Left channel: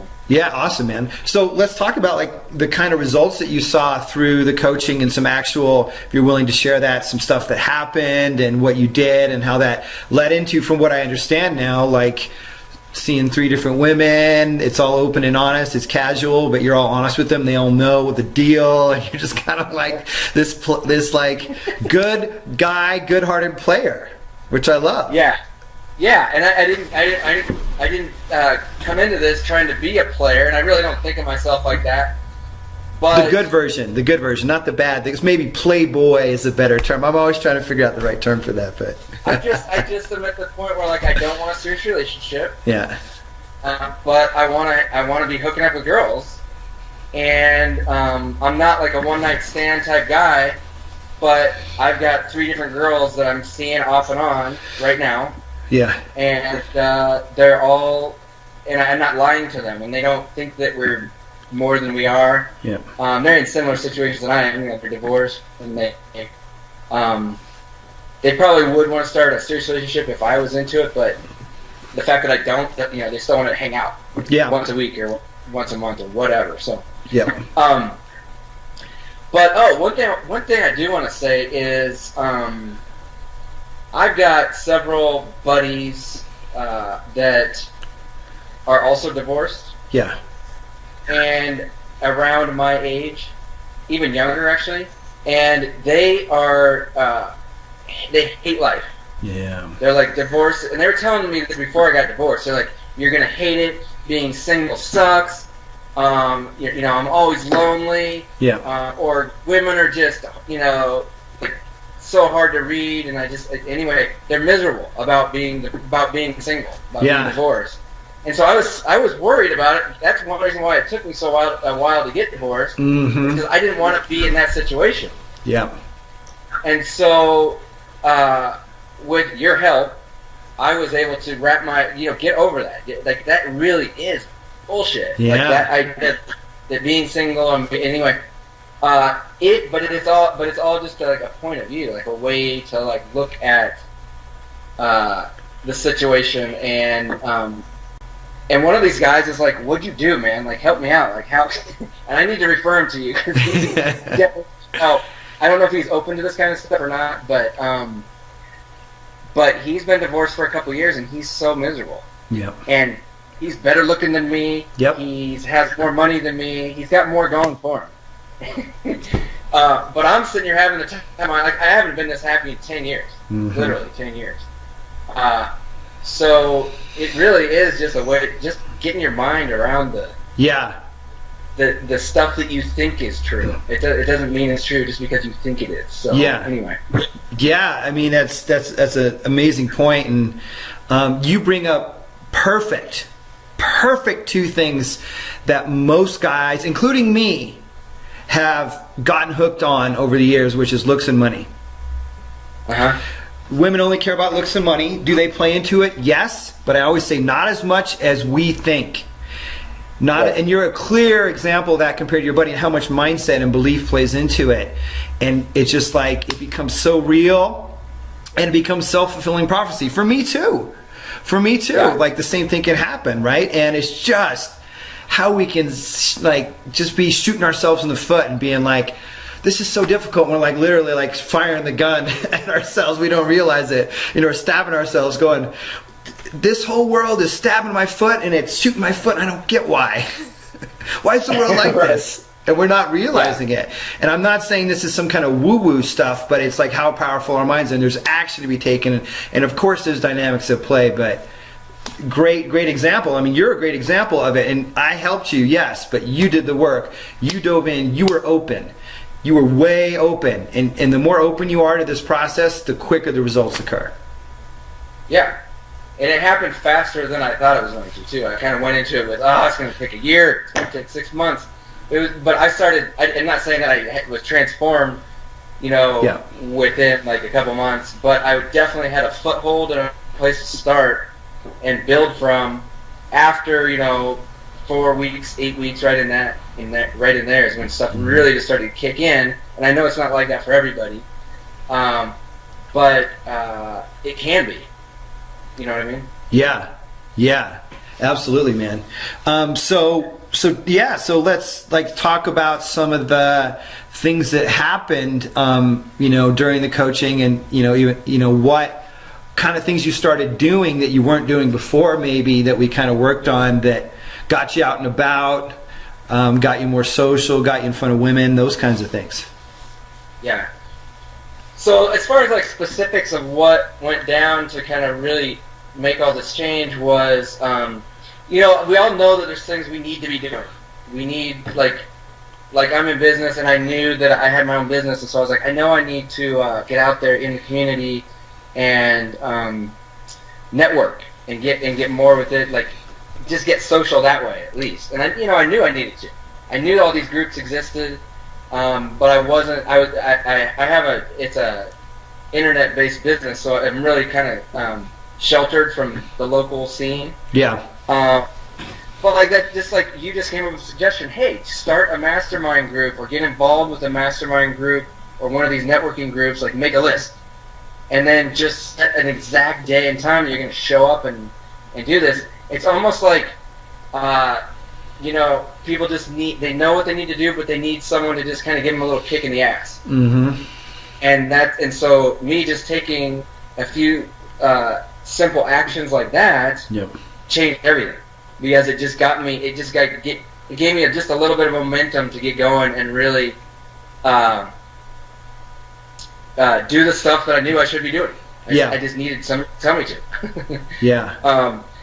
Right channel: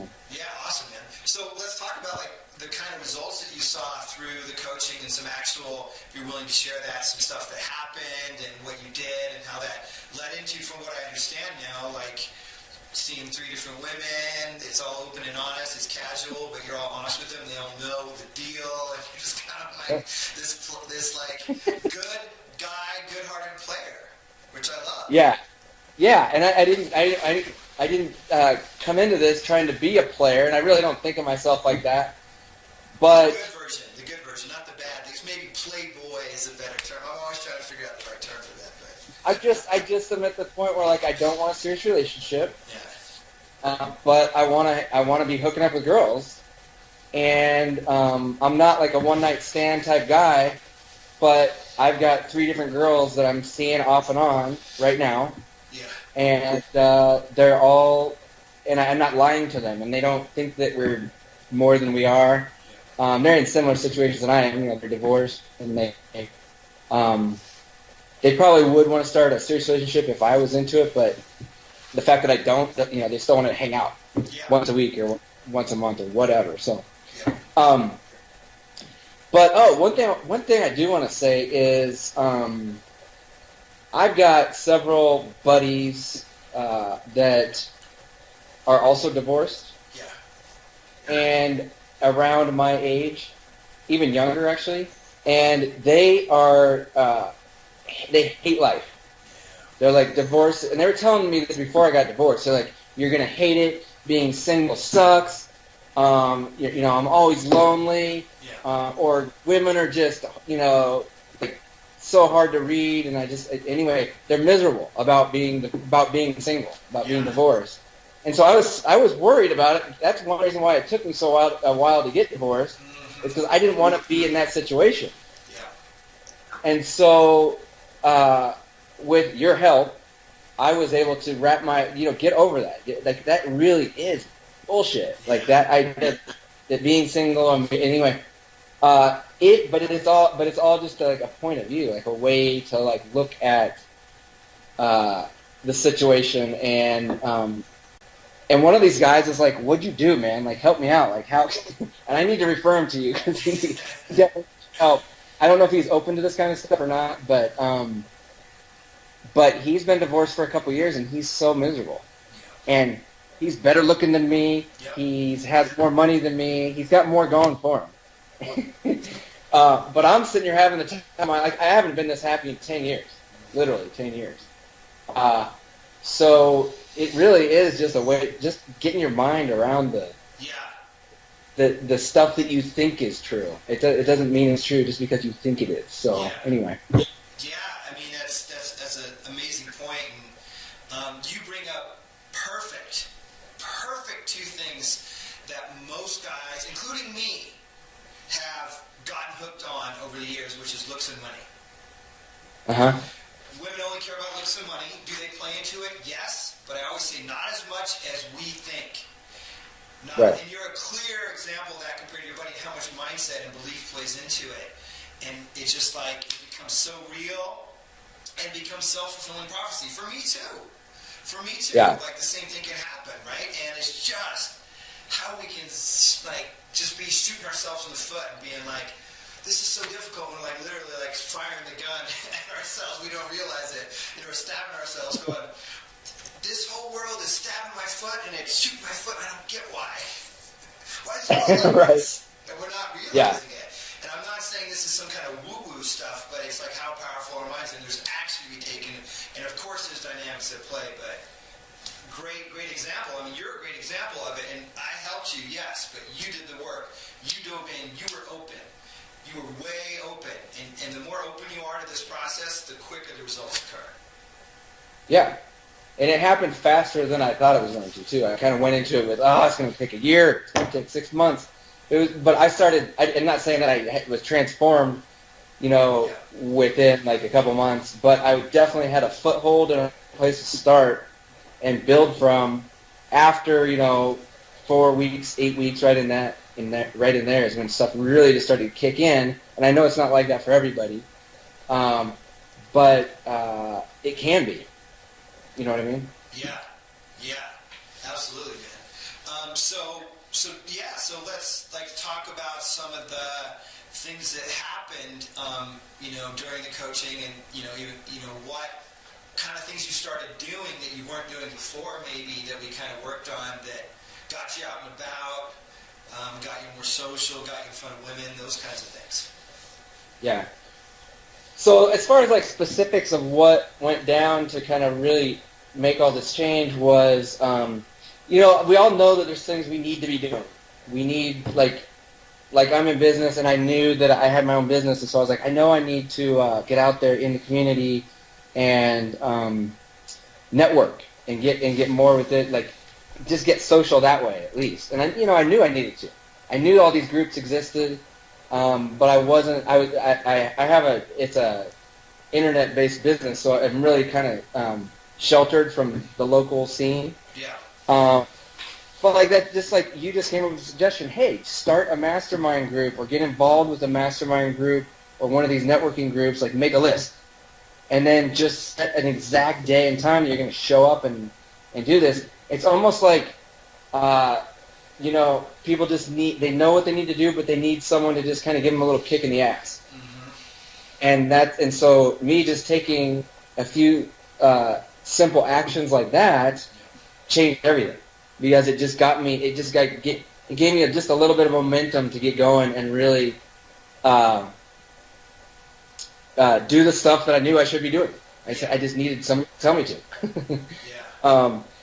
So. Yeah, awesome, man. So let's talk about like the kind of results that you saw through the coaching and some actual, if you're willing to share that, some stuff that happened and what you did and how that led into, from what I understand now, like seeing 3 different women. It's all open and honest. It's casual, but you're all honest with them. They all know the deal, and you're just kind of like this like good guy, good-hearted player, which I love. Yeah. Yeah, and I didn't come into this trying to be a player, and I really don't think of myself like that. But the good version, not the bad. Because maybe playboy is a better term. I'm always trying to figure out the right term for that, but I just am at the point where like I don't want a serious relationship. Yeah. But I want to be hooking up with girls, and I'm not like a one night stand type guy, but I've got 3 different girls that I'm seeing off and on right now. Yeah. And they're all, and I'm not lying to them, and they don't think that we're more than we are. Yeah. They're in similar situations than I am. You know, they're divorced, and they probably would want to start a serious relationship if I was into it, but the fact that I don't, you know, they still want to hang out once a week or once a month or whatever. So yeah. But one thing I do want to say is I've got several buddies that are also divorced. Yeah. And around my age, even younger actually, and they are they hate life. Yeah. They're like divorced, and they were telling me this before I got divorced. They're like, "You're gonna hate it. Being single sucks. You know, I'm always lonely. Yeah. Or women are just, you know, like, so hard to read, and anyway, they're miserable about being single, about being divorced." And so I was worried about it. That's one reason why it took me a while to get divorced, because I didn't want to be in that situation. Yeah. And so, with your help, I was able to get over that. Like, that really is bullshit. Yeah. Like that being single, anyway. But it's all just like a point of view, like a way to like look at the situation. And one of these guys is like, "What'd you do, man? Like, help me out. Like, how?" And I need to refer him to you because he definitely help. I don't know if he's open to this kind of stuff or not, but he's been divorced for a couple years and he's so miserable. Yeah. And he's better looking than me. Yep. He has more money than me. He's got more going for him. But I'm sitting here having the time. I haven't been this happy in 10 years. Mm-hmm. Literally 10 years. So it really is just a way, just getting your mind around the stuff that you think is true. It doesn't mean it's true just because you think it is. So anyway. Yeah, I mean that's an amazing point, and you bring up perfect 2 things that most guys, including me, have gotten hooked on over the years, which is looks and money. Women only care about looks and money. Do they play into it? Yes, but I always say not as much as we think. And you're a clear example of that compared to your buddy, and how much mindset and belief plays into it. And it's just like it becomes so real, and it becomes self-fulfilling prophecy for me too. Yeah. Like the same thing can happen, right? And it's just how we can like just be shooting ourselves in the foot and being like, this is so difficult. We're like literally like firing the gun at ourselves. We don't realize it. You know, we're stabbing ourselves going, this whole world is stabbing my foot and it's shooting my foot. And I don't get why. Why is the world like this? And we're not realizing it. And I'm not saying this is some kind of woo-woo stuff, but it's like how powerful our minds are. And there's action to be taken. And of course there's dynamics at play, but great example. I mean, you're a great example of it. And I helped you, yes, but you did the work. You dove in. You were open. You were way open, and the more open you are to this process, the quicker the results occur. Yeah, and it happened faster than I thought it was going to, too. I kind of went into it with, it's going to take a year, it's going to take 6 months. But I'm not saying that I was transformed, within like a couple months, but I definitely had a foothold and a place to start and build from after, 4 weeks, 8 weeks, right in there is when stuff really just started to kick in. And I know it's not like that for everybody, but it can be. You know what I mean? Yeah. Absolutely, man. So let's like talk about some of the things that happened, during the coaching, and what kind of things you started doing that you weren't doing before, maybe that we kind of worked on that got you out and about, got you more social, got you in front of women, those kinds of things. Yeah. So as far as like specifics of what went down to kind of really make all this change was, we all know that there's things we need to be doing. We need, like I'm in business, and I knew that I had my own business, and so I was like, I know I need to get out there in the community and network and get more with it, like just get social that way at least. And I knew I needed to. I knew all these groups existed, but I wasn't. It's a internet-based business, so I'm really kind of sheltered from the local scene. Yeah. But like that, just like you just came up with a suggestion, hey, start a mastermind group or get involved with a mastermind group or one of these networking groups, like make a list. And then just set an exact day and time that you're going to show up and do this. It's almost like, people just they know what they need to do, but they need someone to just kind of give them a little kick in the ass. Mm-hmm. And so me just taking a few simple actions like that changed everything. Because it just got me, it gave me just a little bit of momentum to get going and really do the stuff that I knew I should be doing. I just needed someone to tell me to. Yeah.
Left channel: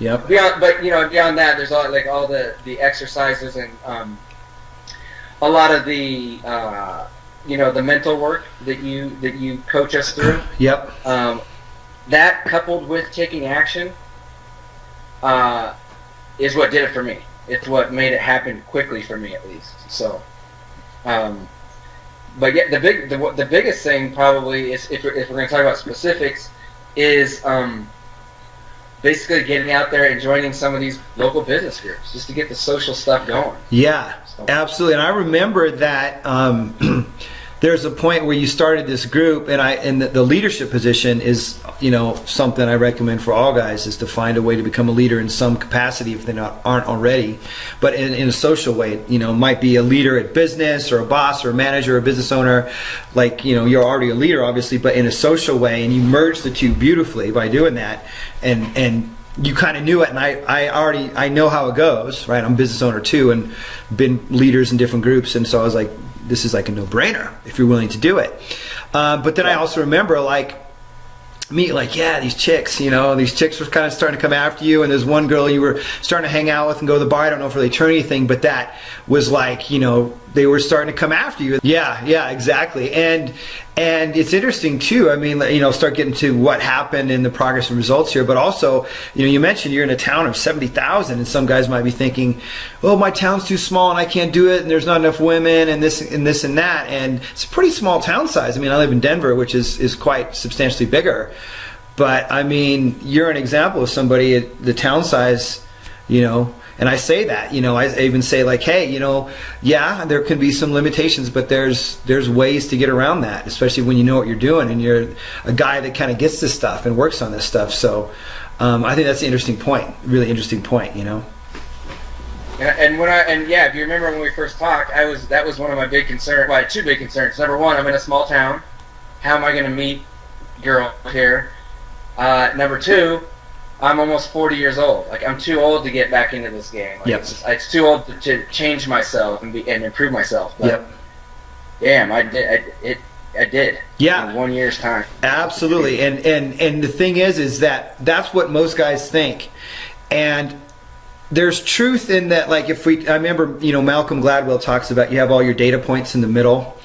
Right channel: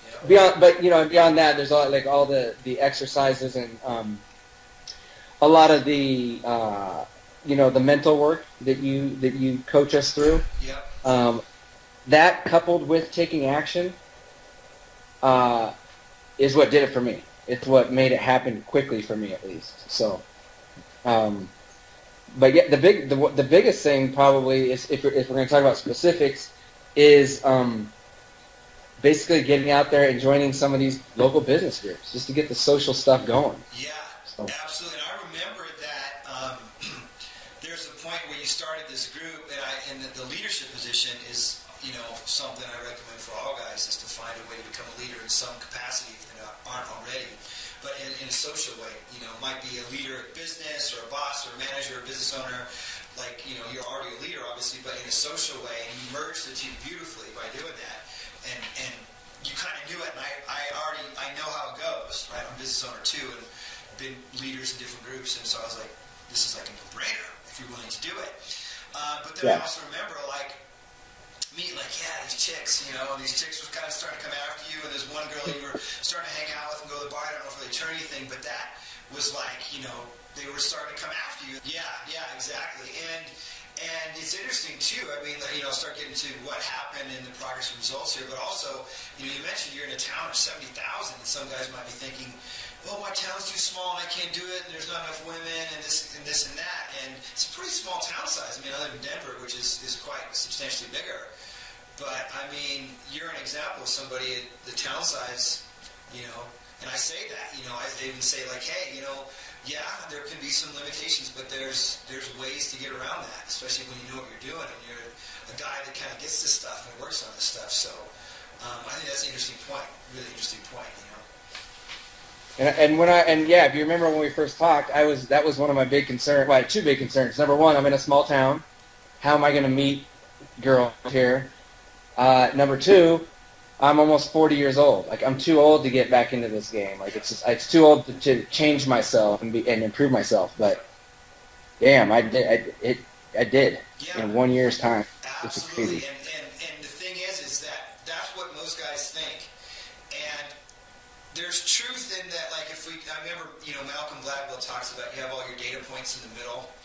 Yep. Beyond that, there's all the exercises and a lot of the the mental work that you coach us through. Yep. That coupled with taking action is what did it for me. It's what made it happen quickly for me, at least. So, but yeah, the biggest thing probably is, if we're going to talk about specifics, is basically getting out there and joining some of these local business groups just to get the social stuff going. Yeah, absolutely. And I remember that there's a point where you started this group, and the leadership position is, something I recommend for all guys, is to find a way to become a leader in some capacity if they aren't already, but in a social way. Might be a leader at business, or a boss, or a manager, or a business owner. Like, you're already a leader, obviously, but in a social way, and you merge the two beautifully by doing that. And you kind of knew it, and I know how it goes, right? I'm a business owner too, and been leaders in different groups, and so I was like, this is like a no-brainer if you're willing to do it. But then I also remember these chicks, these chicks were kind of starting to come after you, and there's one girl you were starting to hang out with and go to the bar. I don't know if they turned anything, but that was like, they were starting to come after you. Yeah, exactly. And it's interesting too. I mean, start getting to what happened in the progress and results here, but also, you mentioned you're in a town of 70,000, and some guys might be thinking, well, my town's too small and I can't do it, and there's not enough women, and this and that. And it's a pretty small town size. I mean, I live in Denver, which is quite substantially bigger. But I mean, you're an example of somebody at the town size, and I say that, I even say like, hey, there can be some limitations, but there's ways to get around that, especially when you know what you're doing and you're a guy that kind of gets this stuff and works on this stuff. So I think that's an interesting point, really interesting point, And if you remember when we first talked, that was one of my big concerns. Well, I had two big concerns. Number one, I'm in a small town. How am I going to meet girls here? Number two, I'm almost 40 years old. Like, I'm too old to get back into this game. Like, it's too old to change myself and improve myself. But damn, I did. Yeah. In 1 year's time. Absolutely. And the thing is that's what most guys think. And there's truth in that. Like, I remember, Malcolm Gladwell talks about, you have all your data points in the middle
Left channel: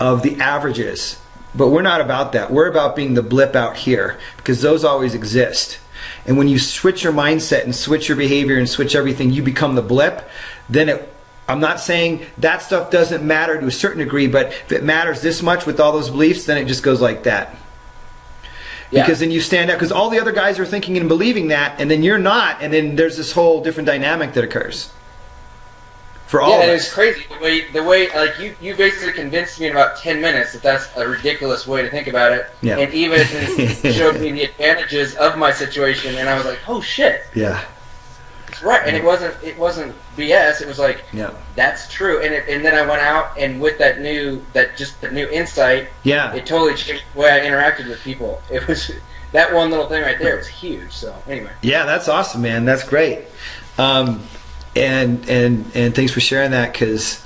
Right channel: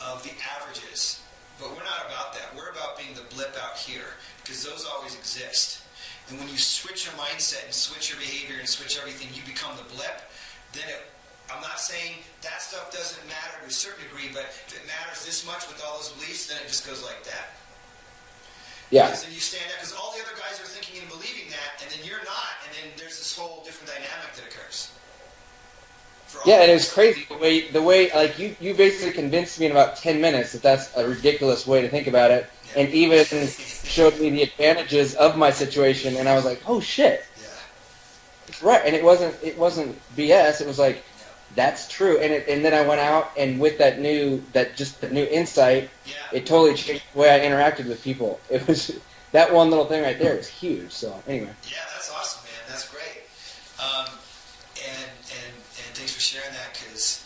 of the averages. But we're not about that. We're about being the blip out here, because those always exist. And when you switch your mindset and switch your behavior and switch everything, you become the blip. Then I'm not saying that stuff doesn't matter to a certain degree, but if it matters this much with all those beliefs, then it just goes like that. Yeah. Because then you stand out, because all the other guys are thinking and believing that, and then you're not, and then there's this whole different dynamic that occurs. And it was crazy the way like you basically convinced me in about 10 minutes that that's a ridiculous way to think about it, and even showed me the advantages of my situation, and I was like, oh shit. Yeah. Right, and it wasn't BS. It was like, yeah, that's true. And then I went out, and with that new insight, yeah, it totally changed the way I interacted with people. It was that one little thing right there was huge. So anyway, yeah, that's awesome, man. That's great. And thanks for sharing that, because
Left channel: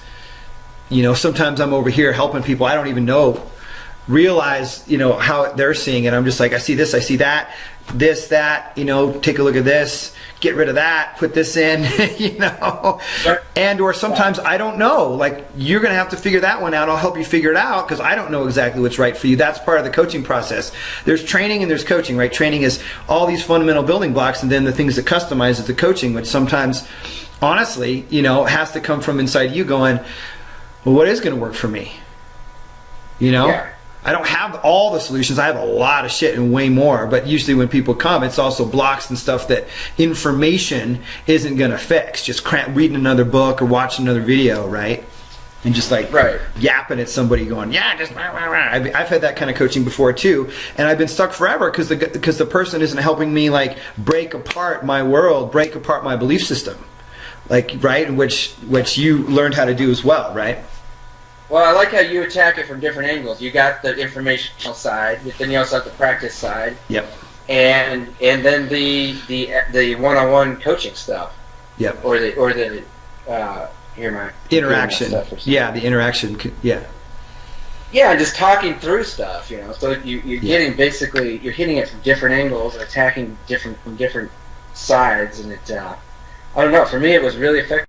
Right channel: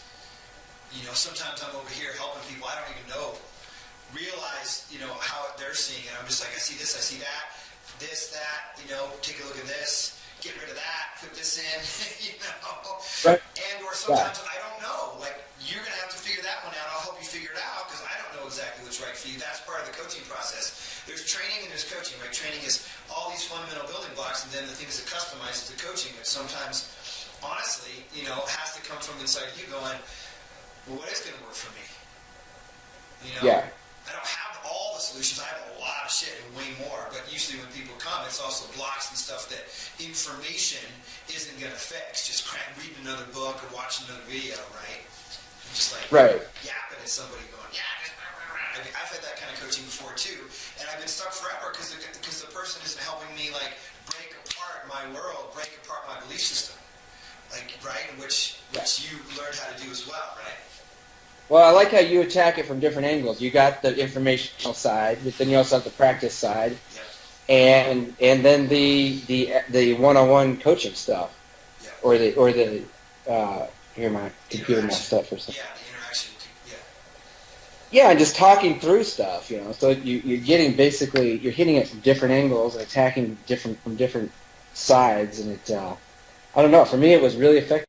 sometimes I'm over here helping people I don't even realize how they're seeing it. I'm just like, I see this, I see that, that, take a look at this, get rid of that, put this in, Right. and or sometimes I don't know, like, you're gonna have to figure that one out. I'll help you figure it out, because I don't know exactly what's right for you. That's part of the coaching process. There's training and there's coaching, right? Training is all these fundamental building blocks, and then the things that customize is the coaching, which sometimes honestly has to come from inside you, going, well, what is going to work for me? Yeah. I don't have all the solutions. I have a lot of shit and way more. But usually when people come, it's also blocks and stuff that information isn't going to fix. Just reading another book or watching another video, right? And just like yapping at somebody going, yeah, just rah, rah, rah. I've had that kind of coaching before too. And I've been stuck forever because the person isn't helping me like break apart my world, break apart my belief system. Like, right? Which you learned how to do as well, right? Well, I like how you attack it from different angles. You got the informational side, but then you also have the practice side. Yep. And then the one-on-one coaching stuff. Yep. Or the interaction. Yeah, the interaction. Yeah. Yeah, and just talking through stuff, So you're getting you're hitting it from different angles and attacking from different sides, and it. I don't know. For me, it was really effective.